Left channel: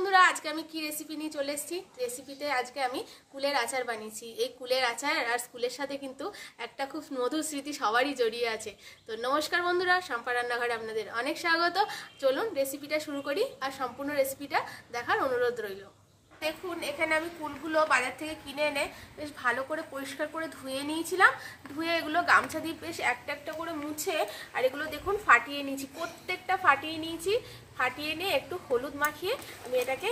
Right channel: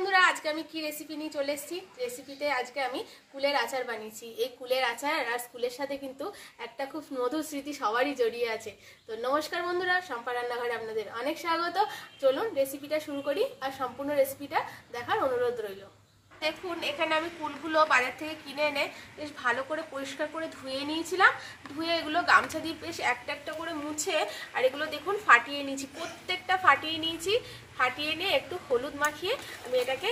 বন্ধুরা, আজকে আমি কি রেসিপি নিয়ে চলে এসেছি। রেসিপিতে আজকে আমি কুলের আচার বানিয়েছি। এই কুলের আচার আর স্কুলের সাথে কিন্তু একটা খুব মধুর স্মৃতি সবারই জড়িয়ে আছে। তো নমস্কার বন্ধুরা, শম্পা রান্নাঘরে আপনাদের অনেক স্বাগত। চলুন রেসিপিটা শুরু করি, আর সম্পূর্ণ রেসিপিটা দেখার অনুরোধ রইল। দেখুন, এখানে আমি কুলগুলো বাজার থেকে কিনে এনে বেশ ভালো করে পরিষ্কার করে ধুয়ে নিয়েছিলাম। ধুয়ে এগুলো গামছা দিয়ে বেশ একটা একটা করে মুছে, আর এগুলো দেখুন ফাটিয়ে নিয়েছি, প্রত্যেকটা ফাটিয়ে নিয়েছি। ফাটিয়ে নিয়ে একটু হলুদ মাখিয়ে আমি এটাকে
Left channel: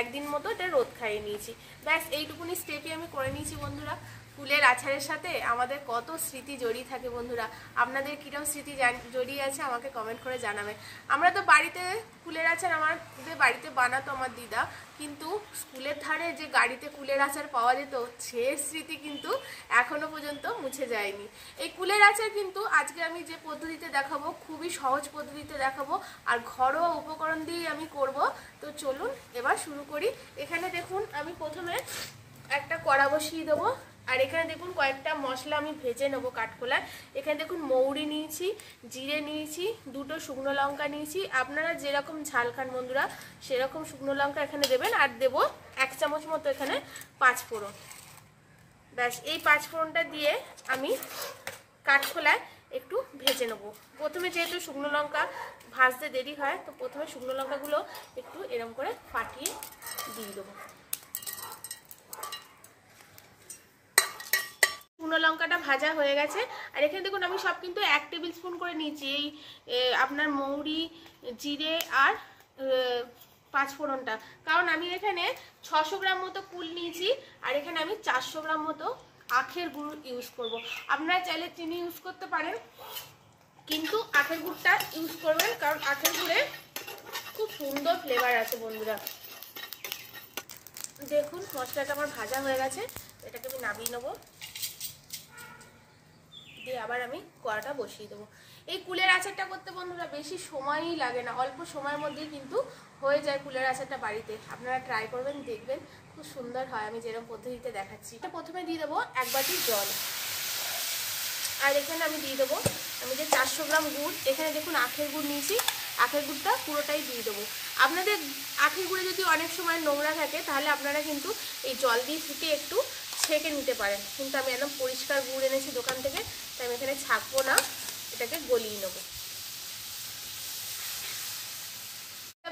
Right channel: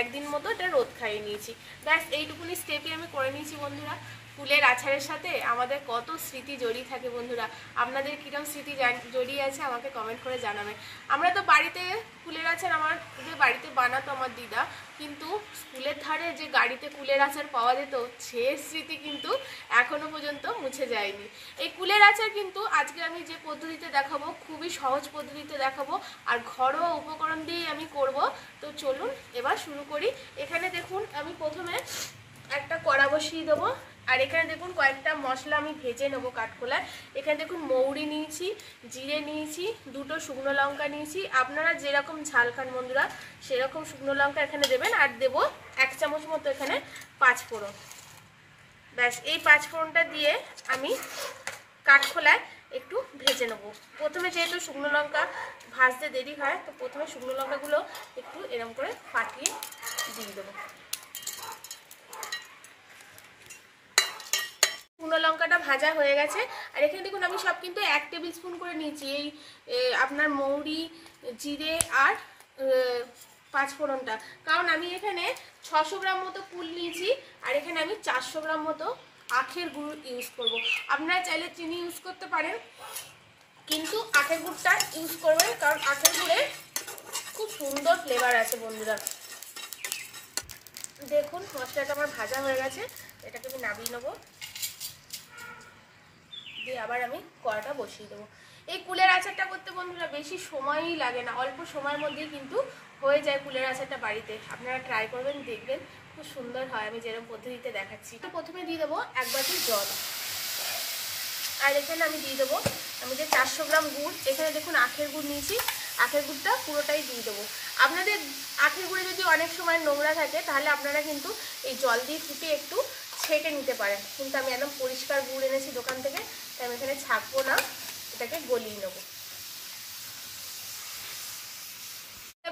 একদিন মতো এটা রোদ খাইয়ে নিয়েছি। ব্যাস এইটুকুনি স্টেপই আমি করে নিয়েছি বন্ধুরা। কুলের আচারের সাথে আমাদের কত স্মৃতি জড়িয়ে থাকে বন্ধুরা। আপনাদের কিরকম স্মৃতি জড়িয়ে আছে আমাকে কমেন্ট করে জানাবেন। আমরা তো বাড়িতে কুলের আচার আমাদের বাড়িতে বানাতো আমার দিদা, কিন্তু স্কুলের ধারে যে গাড়িতে কুলের আচার পাওয়া যেত সে স্মৃতি কিন্তু এখনো পর্যন্ত মুছে যায়নি। এই কুলের আচার কিন্তু আজকে আমি যে পদ্ধতিতে দেখাবো খুবই সহজ পদ্ধতিতে দেখাবো, আর ঘরোয়া উপকরণ দিয়েই আমি করব। তো চলুন এবার শুরু করি। এখানে দেখুন আমি প্রথমে একটা কড়া বসিয়ে দেবো, আর এখানে দেখুন কয়েকটা মশলা আমি ভেজে নেবো কাঠখোলায়। এখানে দেখুন মৌরি নিয়েছি, জিরে নিয়েছি, দুটো শুকনো লঙ্কা নিয়েছি। আপনারা যেরকম ঝাল খান বন্ধুরা সেরকম শুকনো লঙ্কা এখানে দেবেন। আর দেবো 1 চামচ মতো এখানে 5 ফোড়ন। ব্যাস এই 5 ফোড়নটা দিয়ে আমি কাঠখোলায় একটু ভেজে নেবো। প্রথমে যেহেতু শুকনো লঙ্কা ভাজতে দেরি হয়, তো প্রথমে শুকনো লঙ্কাগুলো একটু এরম করে ফাটিয়ে দিয়ে দেবো। শুকনো লঙ্কাটা ভাজা হয়ে গেছে, আর এখানে দেখুন আমি সব কিন্তু 1 টেবিল স্পুন করে নিয়েছি। এই আপনার মৌরি, জিরে আর 5 ফোড়নটা, কারণ আমি এখানে 600 গ্রাম মতো কুল নিয়েছি, আর এখানে আমি 400 গ্রাম মতো আখের গুড় ইউজ করব। আপনারা চাইলে চিনি ইউজ করতে পারেন, কিন্তু আখের গুড়টা ইউজ করবেন, কারণ আখের গুড়ে খুব সুন্দর ফ্লেভার আছে বন্ধুরা। দেখুন মশলাটা আমার ভাজা হয়ে গেছে, এটাকে আমি নামিয়ে নেবো। দিয়ে আবার আমি কড়াটা বসিয়ে দেবো। এই কুলের আচারটা করতে বন্ধুরা বেশি সময়ই লাগে না, অল্প সময়ের মধ্যেই কিন্তু হয়ে যায় কুলের আচারটা বাড়িতে। আপনারা ট্রাই করবেন, দেখবেন খুব সুন্দর হয় আমি যেরকম পদ্ধতিতে দেখাচ্ছি। তো প্রথমে দিয়ে দেবো 1 বাটি জল, আর এখানে আমি দিয়ে দেবো আমি যে 400 গ্রাম গুড়, এখানে দেখুন আখের গুড় নিয়েছি, আখের গুড়টা পুরোটাই দিয়ে দেবো। আপনাদের আখের গুড়ে যদি অনেক সময় নোংরা থাকে তাহলে আপনারা কিন্তু এই জল দিয়ে ফুটিয়ে একটু ছেঁকে নিতে পারেন, কিন্তু আমি একদম পরিষ্কার গুড় এনেছি দোকান থেকে, তাই আমি এখানে ছাঁকবো না, এটাকে গলিয়ে নেবো।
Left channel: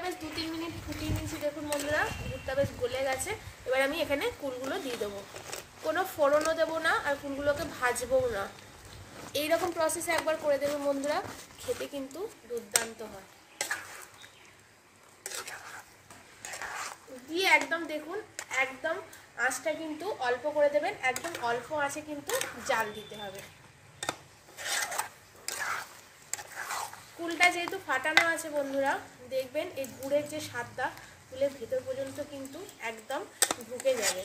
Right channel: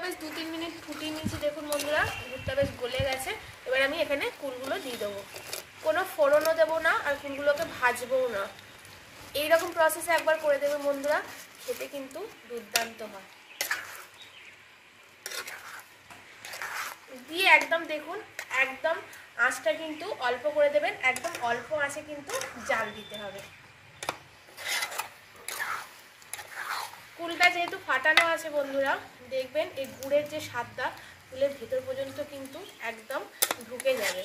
বেশ 2-3 মিনিট ফুটিয়ে নিয়েছি। দেখুন বন্ধুরা গুড়টা বেশ গলে গেছে। এবার আমি এখানে কুলগুলো দিয়ে দেবো। কোনো ফোড়নও দেবো না, আর কুলগুলোকে ভাজবও না। এইরকম প্রসেসে একবার করে দেবেন বন্ধুরা, খেতে কিন্তু দুর্দান্ত হয়। দিয়ে একদম দেখুন একদম আঁচটা কিন্তু অল্প করে দেবেন, একদম অল্প আঁচে কিন্তু জাল দিতে হবে। কুলটা যেহেতু ফাটানো আছে বন্ধুরা, দেখবেন এই গুড়ের যে স্বাদটা কুলের ভেতর পর্যন্ত কিন্তু একদম ঢুকে যাবে।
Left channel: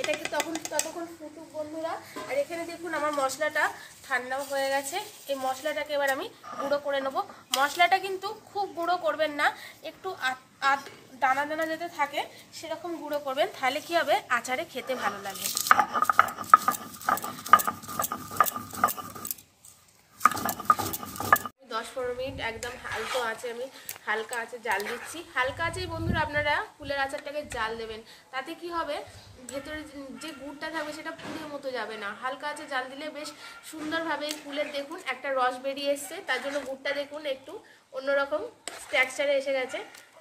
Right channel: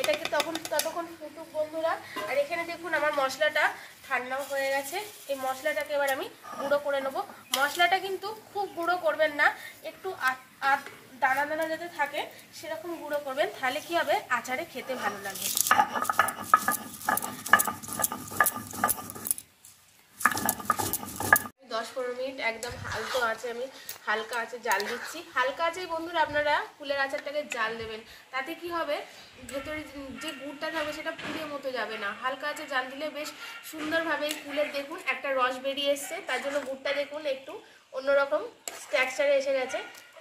এটাকে ততক্ষণ ফুটুক বন্ধুরা। আর এখানে দেখুন আমার মশলাটা ঠান্ডাও হয়ে গেছে। এই মশলাটাকে এবার আমি গুঁড়ো করে নেবো। মশলাটা কিন্তু খুব গুঁড়ো করবেন না, একটু দানা দানা যাতে থাকে সেরকম গুঁড়ো করবেন, তাহলে কি হবে আচারে খেতে ভালো লাগবে। 10-15 মিনিট একদম হালকা আঁচে জাল দিচ্ছি। হালকা আঁচেই বন্ধুরা আপনারা কুলের আচারটাকে জাল দেবেন, তাতে কি হবে ভেতরে যে গুড়টা থাকবে সেটা পুড়ে মতো যাবে না। হালকা আঁচে জাল দিলে বেশ সুন্দরভাবে কুলের দেখুন একটা রস বেরিয়ে এসছে, তার জন্য গুড়টা দেখুন একটু অন্যরকম স্ট্রাকচারে এসে গেছে,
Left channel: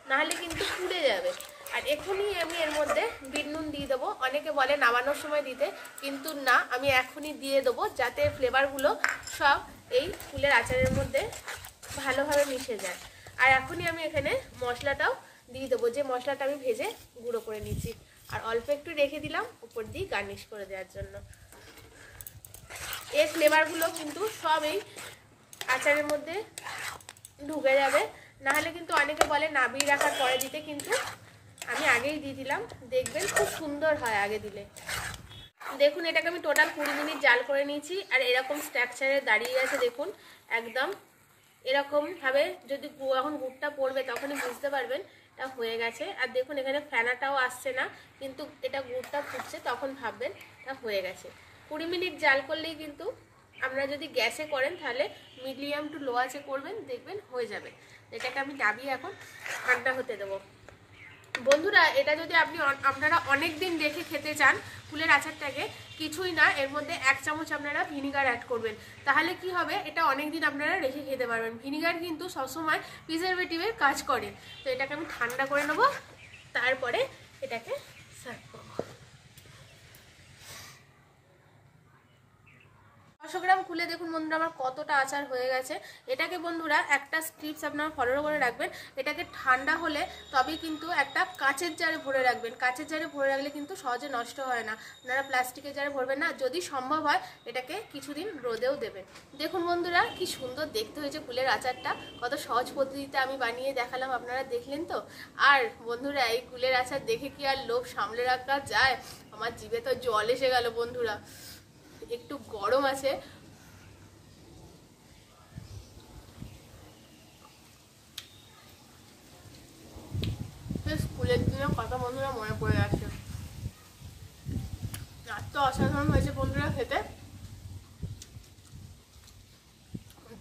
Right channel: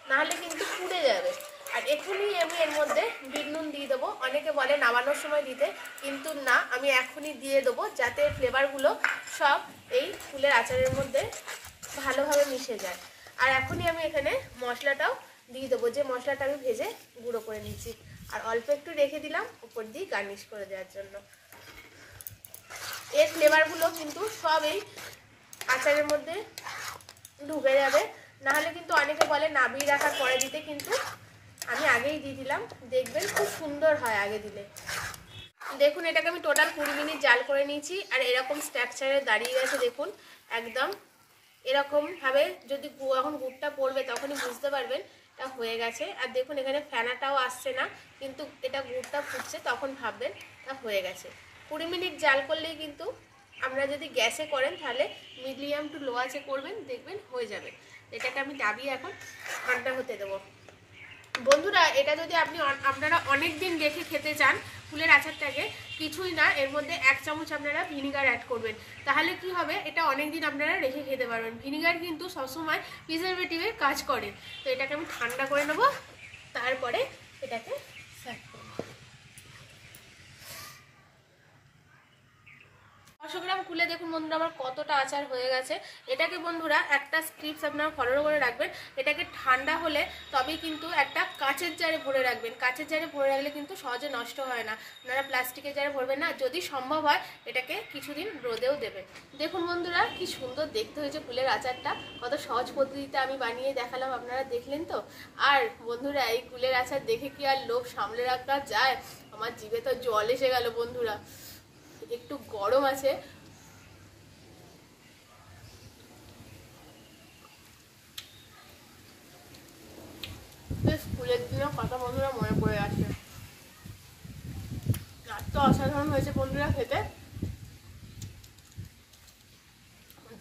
নাহলে কিন্তু পুড়ে যাবে। আর এখনই আমি এর মধ্যে বিট নুন দিয়ে দেবো। অনেকে বলে নামানোর সময় দিতে, কিন্তু না, আমি এখনই দিয়ে দেবো যাতে ফ্লেভারগুলো সব এই ফুলের আচারের মধ্যে ভালোভাবে মিশে যায়। আর এখনই আমি এখানে মশলাটাও দিয়ে দেবো, যে মশলাটা আমি ভেজে গুঁড়ো করে নিয়েছি, আর অল্প একটু রেখে দিলাম উপর দিয়ে গার্নিশ করে দেওয়ার জন্য। এর ফ্লেভারগুলো কিন্তু সব এই আচারের মধ্যে ঢুকে যাবে, নাহলে কিন্তু অনেকে বলে নামিয়ে রাখার পরে দিতে, কিন্তু আমি আগেই দিয়ে দিলাম, দেখবেন খুব সুন্দর হয় আগে দিলে। দেখুন এটাকে আমি টোটাল 20 মিনিট জাল করে নিয়েছি, আর এরকম স্ট্রাকচারে দাঁড়িয়ে গেছে দেখুন একদম এরকমভাবে। যদি এখন গুড়টা পড়বে তখনই বুঝতে পারবেন এটা হয়ে গেছে। আর দেখুন এখানে ফেনাটাও আসছে না, কিন্তু এটা গুড়টা ফুটছে তখন ভাববেন এটা হয়ে গেছে। 20 মিনিট জাল করলেই কিন্তু, আপনারা যদি গ্যাসে করেন তাহলে মিডিয়াম টু লো আঁচে করবেন, দেখবেন হয়ে যাবে। এটাকে আমি নামিয়ে এখন ঠান্ডা হতে দেবো। বন্ধুরা, এটা যদি আপনারা অনেক দিন রেখে খেতে চান কুলের আচারটাকে, কিছুই না, এর মধ্যে 1 চামচ আপনারা ভিনিগার অ্যাড করবেন। তাহলে কি হবে, এটা অনেক দিন আপনারা রেখে খেতে পারবেন। ভিনিগার কিন্তু সবসময় প্রিজারভেটিভের কাজ করে। তো এটাকে আমি ঠান্ডা করে নেবো, তারপরে এটাকে সার্ভ করবো। 500 গ্রাম কুলে দেখুন বন্ধুরা আমার কতটা আচার হয়ে গেছে। এটাকে বন্ধুরা একটা স্ক্রিপ্টস আপনারা ফলো করে রাখবেন, এটাকে ঠান্ডা হলে তবেই কিন্তু একটা কাচের জারে ভরে রাখবেন। কাচের জারে ভরে রাখলে কিন্তু সহজে নষ্ট হয় না, আপনারা প্লাস্টিকের জারে ভরবেন না। যদি সম্ভব হয় এটাকে কিছুদিন রোদেও দেবেন। দেখুন বন্ধুরা কি সুন্দর দেখতে হয়েছে কুলের আচারটা, কত সহজ পদ্ধতিতে আমি বানিয়ে দেখালাম, আপনারা দেখলেন তো। আর বন্ধুরা, এই কুলের আচার দেখে কি আর লোভ সামলে রাখা যায়? আমার জিভে তো জল এসে গেল বন্ধুরা। একটু গরম আছে, স্কুলের দিনের কথা বন্ধুরা মনে পড়ে যাচ্ছে। এত অসাধারণ হয়েছে বন্ধুরা খেতে,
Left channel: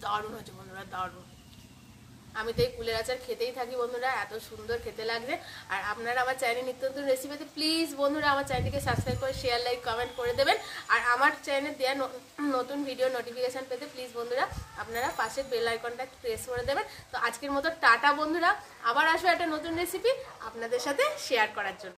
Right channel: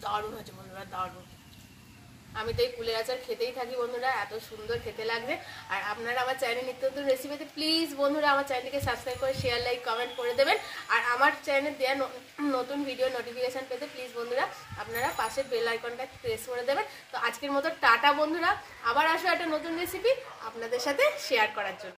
দারুণ হয়েছে বন্ধুরা, দারুণ। আমি তো এই কুলের আচার খেতেই থাকি বন্ধুরা, এত সুন্দর খেতে লাগবে। আর আপনারা আমার চ্যানেল নিত্য নতুন রেসিপিতে প্লিজ বন্ধুরা আমার চ্যানেলটিকে সাবস্ক্রাইব করে শেয়ার, লাইক, কমেন্ট করে দেবেন। আর আমার চ্যানেলে দেওয়া নতুন ভিডিও নোটিফিকেশান পেতে প্লিজ বন্ধুরা আপনারা পাশের বেল আইকনটা প্রেস করে দেবেন। তো আজকের মতো টাটা বন্ধুরা, আবার আসো একটা নতুন রেসিপি আপনাদের সাথে শেয়ার করার জন্য।